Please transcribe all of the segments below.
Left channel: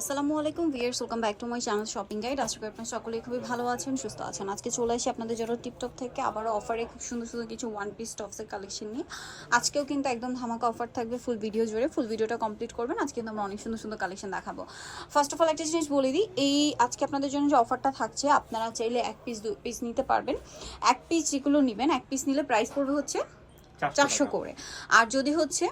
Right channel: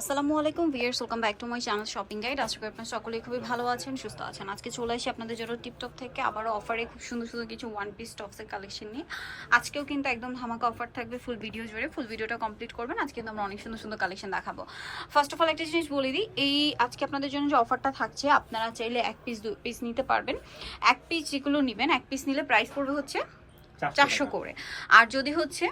আসসালামু আলাইকুম viewers welcome back to my channel shopping guide. আশা করি আপনারা সকলেই খুবই ভালো আছেন, সুস্থ আছেন। আজকে চলে আসি আপনাদের জন্য টিপটপ থেকে। আবারও অফারে খুব সুন্দর সুন্দর কিছু ওয়ান পিস টপসের কালেকশন নিয়ে। আজকেও কিন্তু একদম ধামাকা অফার থাকবে ফুল ভিডিও জুড়ে। ফুল ভিডিওটা কমপ্লিট করবেন। আজকে কিন্তু আমরা অনেক সুন্দর সুন্দর কালেকশন দেখাবো। ফার্স্ট অফ অল একটা জিনিস বলে দিই, এই আজকে আপনাদের জন্য যে অফারটা থাকছে, আপনারা চাইলে এক পিস দু পিস নিতে পারবেন। এক পিস যেগুলো নেবেন, এক পিস নিলে প্রাইস পড়বে হচ্ছে চারশো করে। আর যদি হচ্ছে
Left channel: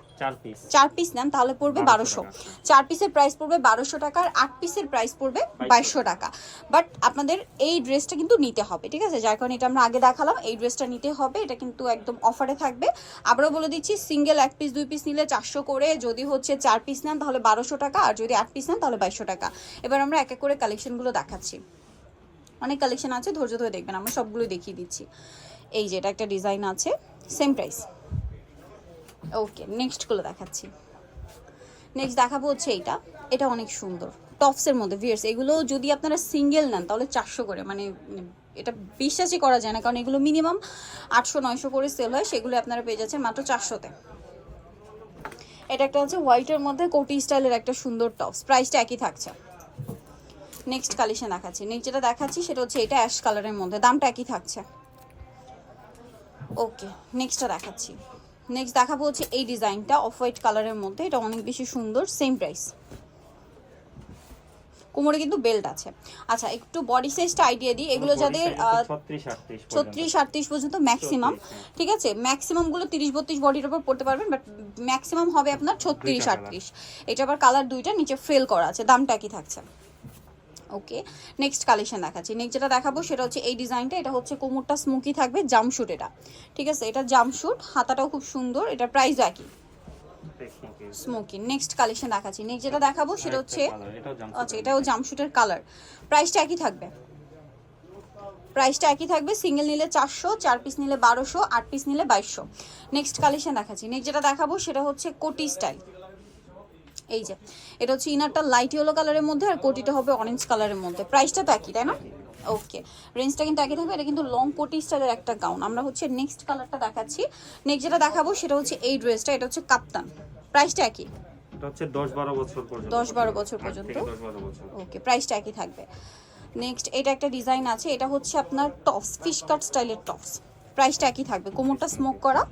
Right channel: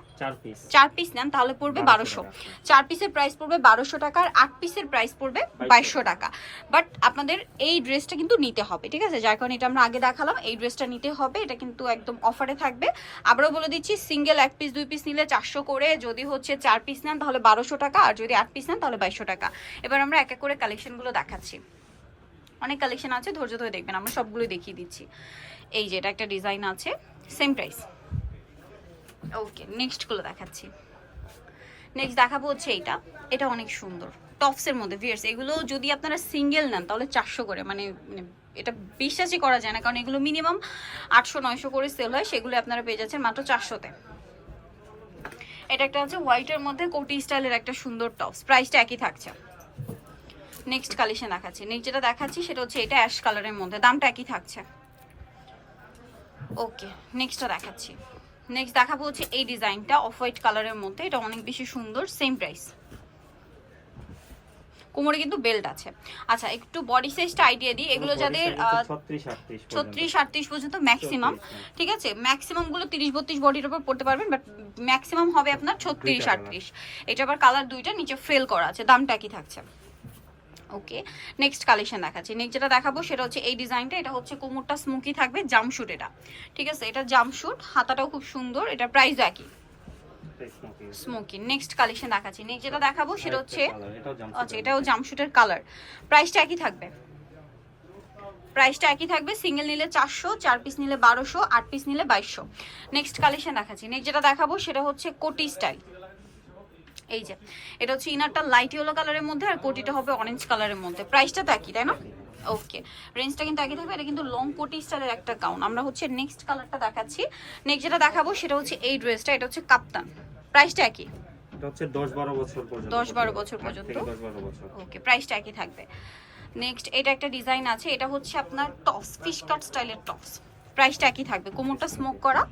চার পিস নেন তাহলে পড়বে বারোশো চার পিসের প্রাইস পড়বে বারোশো টাকা আর আট পিসের প্রাইস পড়বে বাইশশো টাকা। বাট আপনাদের এই ড্রেসটা কিন্তু নিতে হবে ঠিক আছে? যার কারণে এটা আমরা আগে দেখালাম এই ড্রেসটা নিতে হবে। এটা কিন্তু একদম অফারে থাকবে। আবারও বলে দিচ্ছি সিঙ্গেল এক পিস দুই পিস নিলে চারশো করে। যদি হচ্ছে চার পিস নেন তাহলে বারোশো টাকা। আর যদি আট পিস নেন তাহলে বাইশশো টাকা। এবার আমরা এক এক করে কালেকশনগুলো দেখাচ্ছি। অনেক কালেকশন আছে ধৈর্য ধরে দেখবেন। আমরা সবগুলোই দেখিয়ে দিচ্ছি। এই যে এটা একটা ডিজাইন আছে সেম প্রাইস ওকে নেক্সটগুলো দেখাচ্ছি। নেক্সট দেখাবো হচ্ছে এইটা। এটা অনেক সুন্দর। টপসের মধ্যে ভিয়ার্স এগুলো যদি আপনারা সিঙ্গেল নেন, তাহলে চারশো করে মানে মানে এটা বিশ্বাসই করা যায় না, কারণ এগুলো মিনিমাম আটশো, নয়শো করে সেল হয়, সেগুলো আপনারা পেয়ে যাচ্ছেন মাত্র চারশোতে। এটা একটা আছে হোয়াইটের মধ্যে কোটি স্টাইলের একটা সুন্দর টপস প্রাইসটা একই থাকছে। নেক্সট কালেকশন দেখাচ্ছি। নেক্সট যেটা দেখাচ্ছি, সেটা হচ্ছে এটা অ্যাশ কালারের মধ্যে, দামটা একই থাকছে। ওকে নেক্সটটা দেখাচ্ছি। নেক্সট দেখাবো হচ্ছে এই ডিজাইনটা অফ হোয়াইট কালারের মধ্যে। এটা অনেক বেশি সুন্দর সেম প্রাইস কোমরে কিন্তু বেল্ট আছে। আচ্ছা একটু বডি সাইজটা আইডিয়া দিই। এগুলো যাদের ছত্রিশ আটত্রিশ পর্যন্ত। ম্যাক্সিমাম ঠিক আছে? ম্যাক্সিমামগুলো তিরিশ বত্রিশ বডির উপর পড়তে পারবেন বাট ম্যাক্সিমাম হবে আপনার ছত্রিশ আটত্রিশ। এটা আবার কালার দুইটা নিচে ফেল করা আছে। দামটা কি থাকছে? ওকে নেক্সট কালেকশন দেখাচ্ছি। নেক্সট যেটা দেখাবো সেটা হচ্ছে এই ডিজাইনটা এটা হচ্ছে কোমরটা স্মোকি থাকবে জামশুট এটা। ঠিক আছে এটা জামশুট হাতাটাও খুব সুন্দর এটা প্রাইস একই। স্মোকি নেক্সট কালেকশন দেখাচ্ছি। নেক্সট যেটা দেখাবো সেটা হচ্ছে আচ্ছা এটাও জামশুটের কালার প্রাইসটা একই থাকবে। প্রাইসটা একই থাকবে সিঙ্গেল নিলে চারশো চার পিস নিলে বারোশো আট পিস নিলে বাইশশো। নেক্সট কালেকশন দেখাচ্ছি। নেক্সট যেটা দেখাবো সেটা হচ্ছে কোটি স্টাইল এই যে এটা হচ্ছে ইনারটা লাইট ইয়েলো কালারের মধ্যে আর কোটিটা হবে অরেঞ্জ কালারের মধ্যে। প্রাইসটা তো একই তাই না? ওকে রেঞ্জটা কিন্তু একই থাকবে এটা কিন্তু লং কোটি স্টাইলের একটা গাউন আমরা হচ্ছে নেক্সট কালারটা দেখাচ্ছি। নেক্সট যেটা দেখাবো সেটা হচ্ছে এই ড্রেসটা এটা হচ্ছে কাপ্তান। প্রাইসটা একই? হচ্ছে বছর পর্যন্ত। 10 12 বছর পর্যন্ত। বছর। ওকে প্রাইসটা একই থাকবে। নেক্সট এটা একটা ডিজাইন আছে এটা হচ্ছে আপনার টপস ফিশ কাট স্টাইলের টপস প্রাইসটা একই থাকবে কোমরটা স্মোক করা।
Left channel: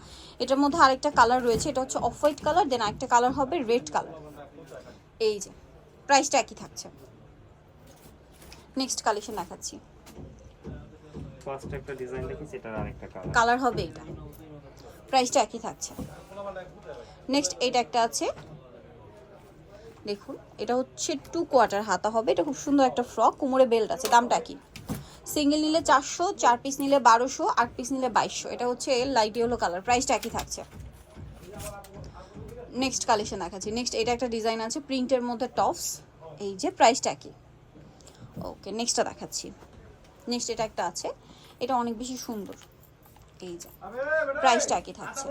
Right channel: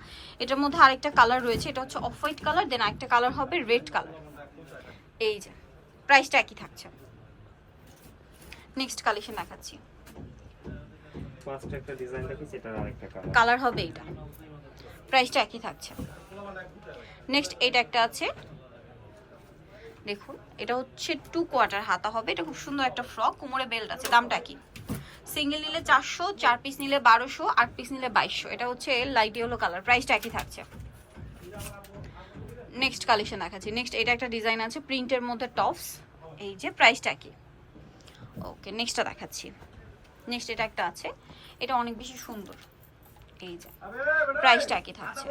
এটার মধ্যে আরেকটা কালার রয়েছে এটা হচ্ছে অফ হোয়াইট কালার দেন আরেকটা কালার হবে রেড কালার এই যে প্রাইসটা একই থাকছে। নেক্সট কালেকশন দেখাচ্ছি। ফার্স্ট একটা ডিজাইন এটার আরেকটা কালার কালার হবে এটা। প্রাইসটা একই থাকছে। নেক্সট এটা একটা আছে। দেখুন এটা হচ্ছে টু কোয়ার্টার হাতা হবে। এটা খুব সুন্দর একটা ফ্রক কোমরে বেল্ট আছে দামটা কি সিঙ্গেল নিলে চারশো চার পিস নিলে বারোশো আট পিস নিলে বাইশশো। এটা হচ্ছে লাইট ইয়েলো কালার প্রাইসটা একই থাকছে। নেক্সট কালেকশন দেখাচ্ছি। নেক্সট এটা একটা ডিজাইন আছে প্রিন্টের মধ্যে টপস এই যে প্রাইসটা একই ওকে নেক্সটটা দেখাচ্ছি। নেক্সট এটা একটা আছে এটা অনেক বেশি সুন্দর। এই যে প্রাইসটা একই থাকছে।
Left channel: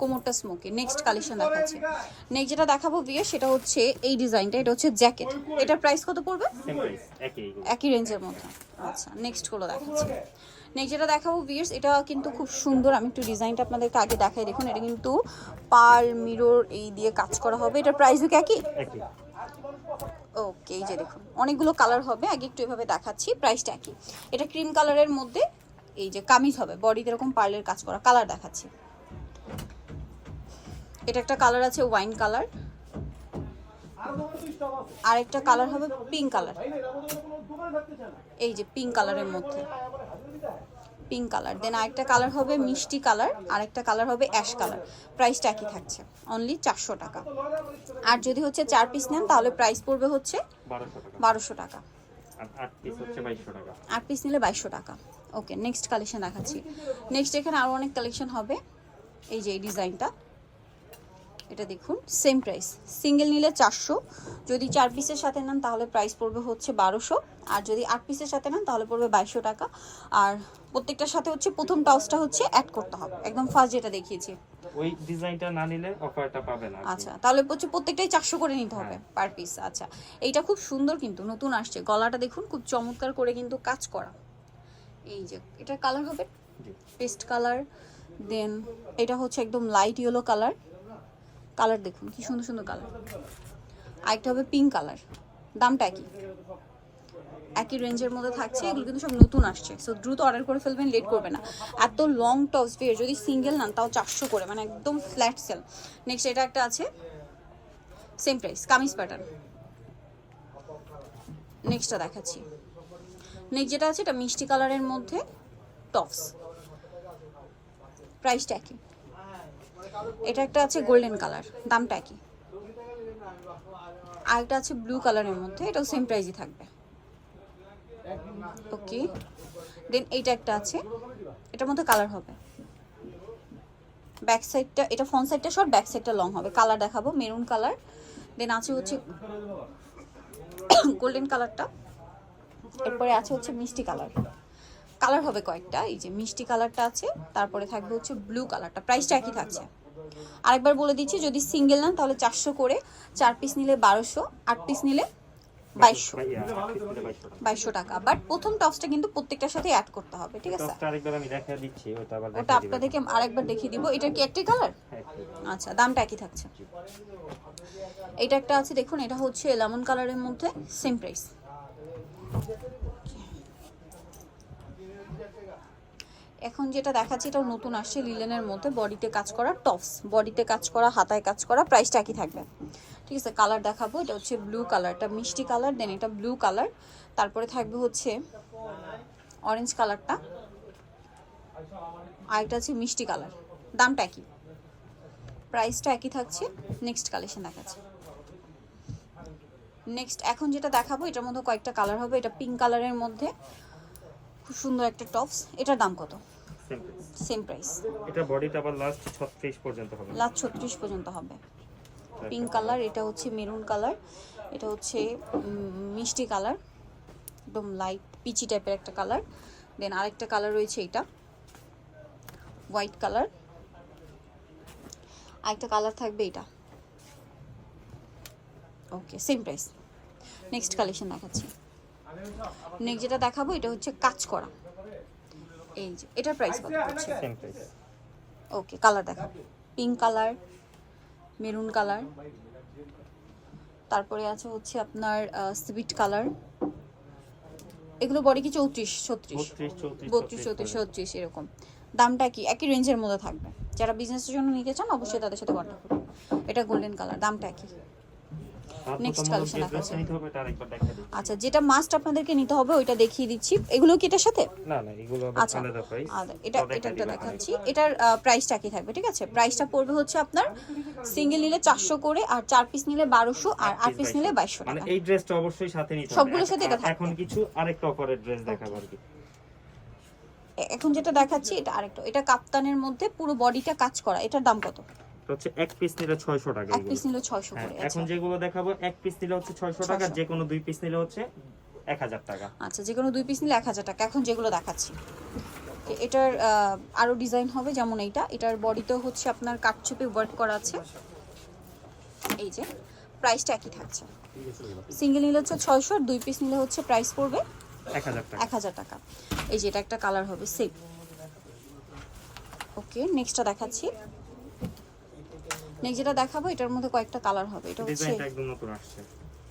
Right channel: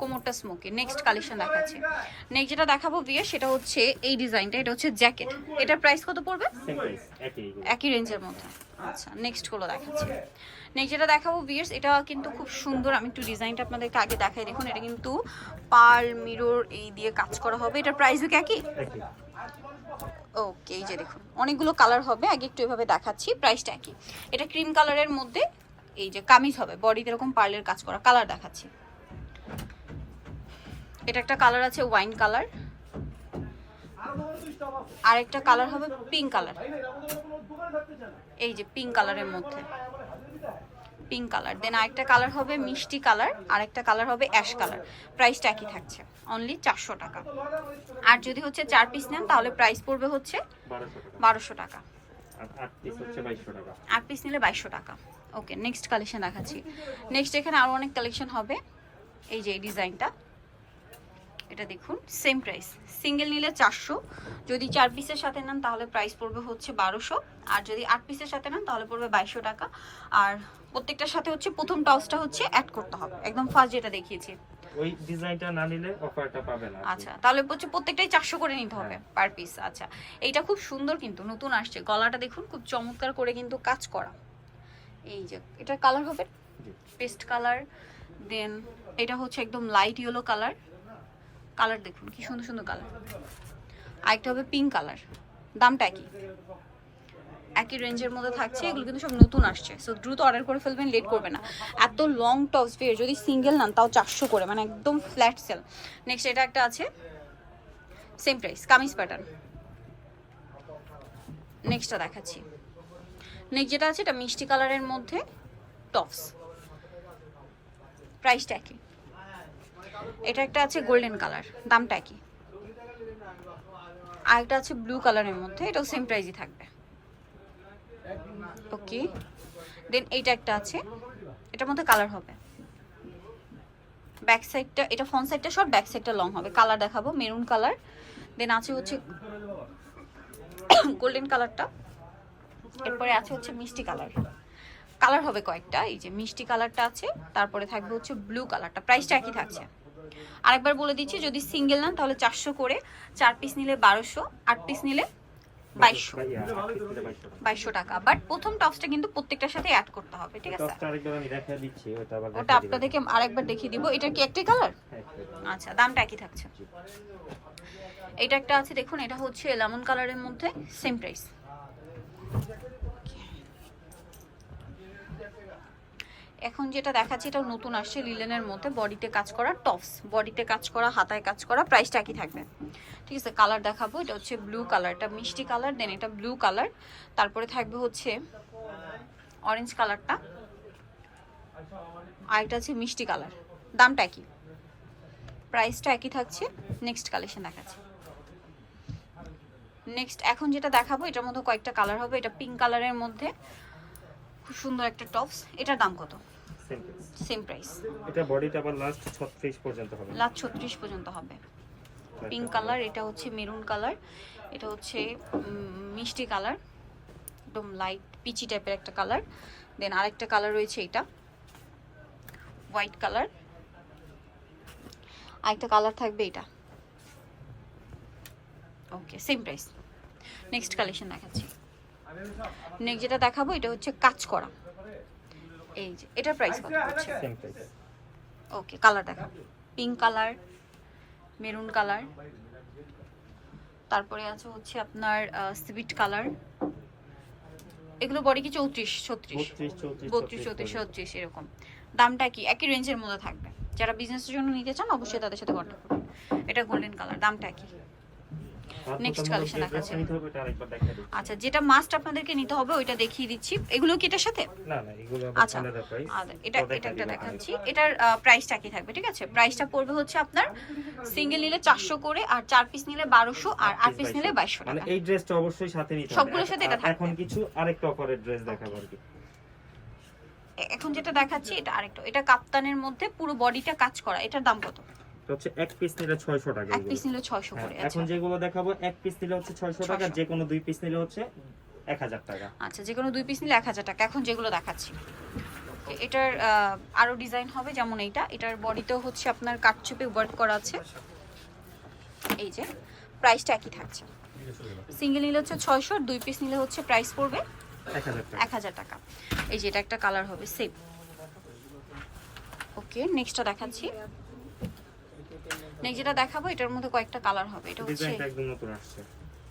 কোমরটা স্মোকি নেক্সট কালেকশন দেখাচ্ছি। নেক্সট যেটা দেখাবো বিয়ে সেটা হচ্ছে এই ডিজাইনটা এটা হচ্ছে জ্যাকেট এটার প্রাইস কত পড়বে। একই রেঞ্জের মধ্যে। আচ্ছা নেক্সটগুলো দেখাচ্ছি। নেক্সট যেটা দেখাবো বিয়ার্স এটা কিন্তু খুব সুন্দর। আমি একটু ডিজাইনটা আপনাদেরকে আগে দেখাই। দেখুন এটা কিন্তু পাল মিরর এই দিয়ে কাজ করা হবে। এটার প্রাইসও কি একই? একই। ওকে এই যে দেখুন অনেকগুলো কালার হবে। আগে একটু এভাবে দেখাচ্ছি প্রাইসটা একই। এটা ক্রিম কালারের মধ্যে এই যে কামিজ হবে বডিতে এরকম পার্লের কাজ করা। কালার দেখাচ্ছি। এটা একটা কালার আছে ওয়াইন কালার আর একটা কালার হবে পিঙ্ক কালার এই যে পিঙ্ক কালারের মধ্যে। পিঙ্ক কালার দেন আরেকটা কালার হবে মিষ্টি কালার আর একটা কালার হবে অ্যাশ কালার প্রাইসটা একই থাকছে অনলি চারশো টাকা। আর যদি হচ্ছে চার পিস নেন তাহলে প্রাইস পড়বে হচ্ছে বারোশো টাকা। আট পিস নিলে বাইশশো টাকা। ওকে নেক্সট কালেকশন দেখাচ্ছি। নেক্সট এখানে আরও অনেক কালেকশন হবে। এই যে এই ডিজাইনটা এটা দেখুন সেম প্রাইস সিঙ্গেল নিলে চারশো যদি চার পিসের সাথে নেন তাহলে প্রাইস পড়বে হচ্ছে বারোশো আর যদি আট পিসের সাথে নেন তাহলে পড়বে বাইশশো টাকা। আর প্রত্যেকটার সাথে হচ্ছে প্রথম টসটা হচ্ছে অ্যাড করতে হবে। একদম ফার্স্ট যেটা দেখিয়েছি। ওই ডিজাইনটা না নিলে অফারটা পাবে না আচ্ছা তাহলে হচ্ছে প্রত্যেকটাই চারশো করে নিতে হবে হ্যাঁ। পার পিস আচ্ছা এইটা খুব সুন্দর কিন্তু নতুন আসছে। গলাটা দেখুন খুব চমৎকার করে কিন্তু কাজ করা। এই যে এটার কালার হবে পেস্ট কালার দেন এটা হচ্ছে একদম লাইট ইয়েলো কালার কালার দেখুন, কি সুন্দর সুন্দর কালার। আরেকটা হবে পিঙ্ক কালার, দামটা একই। একই রেঞ্জের মধ্যে থাকছে, এগুলো কিন্তু সব নতুন আসছে। সো দ্রুত অর্ডার করে ফেলবেন লেট করবে না। এত লং টপস পেয়ে যদি সিঙ্গেল নেন, তাও চারশো করে মানে একদম ফ্ল্যাট সেল নেক্সট এটা একটা আছে সেম প্রাইস কামিজ প্যাটার্ন নেক্সটটা দেখাচ্ছি। নেক্সট যেটা আছে, এটা মিষ্টি কালারের মধ্যে টপস প্রাইসটা একই। এটা একটা আছে গোল্ডেন কালার দামটা একই। আরেকটা আছে ব্লু কালারের মধ্যে, এটাও সেম প্রাইজই থাকবে। ওকে দেন এইটা একটা আছে, এটার মধ্যে কালার হবে। ব্যাক সাইডটা এটা ফ্রন্ট সাইডটা শর্ট ব্যাক সাইডটা লং হবে। কালার দেখাবো মেরুন কালার দেন আছে হচ্ছে গোল্ডেন কালারটা এরপরে আছে হচ্ছে মিষ্টি কালার কালার হবে কয়েকটা, এই যে মিষ্টি কালারটা আছে, তারপরে থাকবে হচ্ছে ব্লু কালারটা প্রাইসটা একই থাকছে। আরেকবার বলে দিচ্ছি যদি সিঙ্গেল নেন তাহলে চারশো করে চার পিস নিলে বারোশো আট পিস নিলে বাইশশো। নিলে 2200 টাকা। বাইশশো টাকা। বাট প্রথম টপসটা কিন্তু প্রত্যেকটার সাথে অ্যাড করতে হবে ঠিক আছে? ওটা দেখিয়ে আপনাদেরকে আরেকবার দেখিয়ে দিব। এটা কি একটাই কালার হ্যাঁ, আচ্ছা দামটা একই থাকছে। এটা একটা আছে দেখুন এটা হচ্ছে লেমন কালারের মধ্যে সেম প্রাইস এখন যেটা দেখাচ্ছি, এটাও নতুন আসছে লিলেনের মধ্যে। বডিতে কাজ করা টপস বডিতে কাজ করা, হাতায় কাজ করা প্রাইসটা একই থাকবে। ঠিক আছে কালার দেখাবো। এটা হচ্ছে ব্লু কালার এটা মিষ্টি কালার দেন এটা ব্লু কালার তারপরে থাকবে হচ্ছে অরেঞ্জ কালারটা আর এটা হচ্ছে মিষ্টি কালার দামটা একই। প্রাইসটা একই থাকছে। নেক্সট কালেকশন দেখাচ্ছি। নেক্সট এখন যেটা দেখাবো, এটার মধ্যে কয়েকটা কালার হবে। এটা পিঙ্ক কালারের মধ্যে। খুব সুন্দর একটা টপস। এটার দাম কত? সেম প্রাইস এটা বডিটা আবার লাস্ট 36 পর্যন্ত হবে। লাস্ট ছত্রিশ পর্যন্ত হবে। পিঙ্ক কালার এটা হচ্ছে মেরুন কালার এটা হচ্ছে মিষ্টি কালার একদম লাইট পিচি টাইপের একটা কালার দেন আরেকটা কালার রয়েছে এটা হোয়াইট কালার আরেকটা কালার থাকবে এটা। Okay same price next collection দেখাচ্ছি। নেক্সট যেটা দেখাবো এটা হচ্ছে কাজ করা। এই যে এটার প্রাইস কত হচ্ছে? ওকে কালার দেখাবো। পিঙ্ক কালার মেরুন কালার তারপরে আছে হচ্ছে আপনার সুইট কালার এগুলো বডি কি চৌত্রিশ ছত্রিশ? 32 34 বত্রিশ চৌত্রিশ ছত্রিশ এরকম। দামটা কি? একই রেঞ্জের মধ্যে থাকবে। যারা বিজনেসের জন্য নিতে চান অবশ্যই তাদের সাথে কন্ট্যাক্ট করুন। এটা গোল্ডেন কালার দামটা কি? আরেকবার দেখা দিচ্ছি। আচ্ছা যেটা মাস্ট আপনাদেরকে নিতে হবে ওইটা দেখিয়ে দিচ্ছি। এগুলো কি এটার সাথে? না না এগুলো আচ্ছা আলাদা প্রাইস আর এটা এটা একটা দেখাচ্ছি। এটার প্রাইসটা কি থাকবে ঠিক আছে? প্রাইসটা পড়বে হচ্ছে আপনার সিঙ্গেল নিলে চারশো করে আর চার পিস নিলে বারোশো আর আট পিস নিলে বাইশশো। মানে এই ড্রেসটা অবশ্যই সাথে নিতে হবে। সবগুলোর সাথে এটা এখন কিছু আরেকটা অফারের ড্রেস দেখাবো আর কি? এখন যেটা দেখাচ্ছি এটা আরেকটা। এটা কাপ্তানের মধ্যে পুরো বডিটা কাজ করা এটার দাম কত? হচ্ছে এক পিস নিলে 600 টাকা এক পিস নিলে ছয়শো হ্যাঁ, করে এখন আচ্ছা যেগুলো দেখাবো এক পিস নিলে হচ্ছে 600 টাকা 600 যে কোনো দুই পিস নিলে হচ্ছে 1000 টাকা। আচ্ছা যে কোনো দুই পিস নিলে এক হাজার টাকা এখন যেগুলো দেখাচ্ছি। এটার আরও ডিজাইন হবে যেমন এইটা। এটার বডিতেও হচ্ছে আপনার কাটচুপে ওয়ার্ক করা আছে। এই যে প্রাইসটা একই থাকছে। সিঙ্গেল নিলে হচ্ছে ছয়শো আর দুই পিস নিলে হচ্ছে প্রাইস পড়বে 1000 এক হাজার টাকা। এই যে এটা একটা কালার হবে সেম ওকে নেক্সটটা দেখাচ্ছি। নেক্সট যেটা দেখাবো এটার মধ্যে কয়েকটা কালার হবে এটা হচ্ছে একদম নতুন আসছে।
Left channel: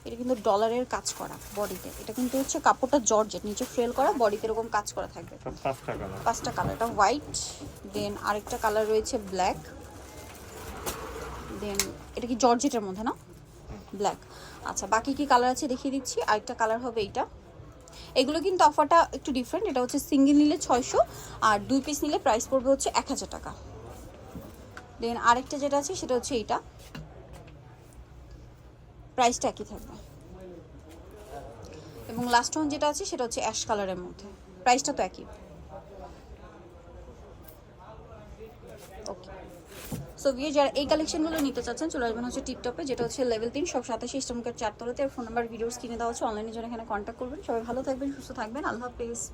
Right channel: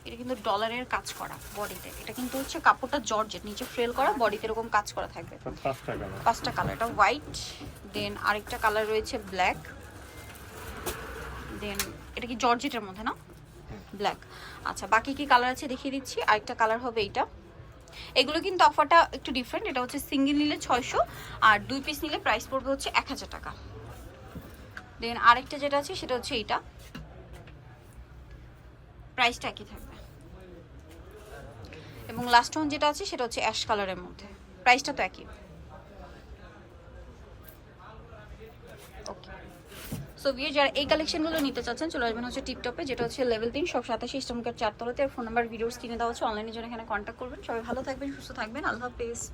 এটা কিন্তু ডলারের কাজ করা বডিতে এটা কিন্তু হচ্ছে কাপড়টা জর্জেট নিচে ফ্রেল করা বডিতে এরকম কাজ করা থাকবে। পাঁচটা কালার পাঁচটা কালার এটা হোয়াইট দেন আরেকটা কালার রয়েছে ব্ল্যাক দেন এটা কি জর্জেটের মধ্যে না? ব্ল্যাক আচ্ছা বাকি কি কালার আছে দেখিয়ে দিচ্ছি আরেকটা কালার হবে এইটা। এগুলো কিন্তু অফারটা একটু ডিফারেন্ট এটা হচ্ছে সিঙ্গেল নিলে ছয়শো আর দুই পিস নিলে প্রাইস পড়বে হচ্ছে এক হাজার টাকা। দেন আরেকটা যেটা আছে সেটা হচ্ছে এইটা। প্রাইসটা একই থাকবে। এবং লাস্ট ওয়ান যেটা আছে সেটা হচ্ছে অ্যাশ কালারের মধ্যে। প্রাইসটা তো একই। ওকে সো বিয়ে যারা এই কালেকশনগুলো নিতে চাচ্ছেন, চলে আসবেন হচ্ছে টিকটপে যেটা হচ্ছে লেভেল তিন, সব সাতাশি ইস্টমকার চারতলাতে ফোন নাম্বার ভিডিওস কিনে দেওয়া হচ্ছে অনলাইনে জন্য এখানে কন্ট্যাক্ট করবেন। সবাই ভালো থাকবেন, সুস্থ থাকবেন। আল্লাহ হাফেজ।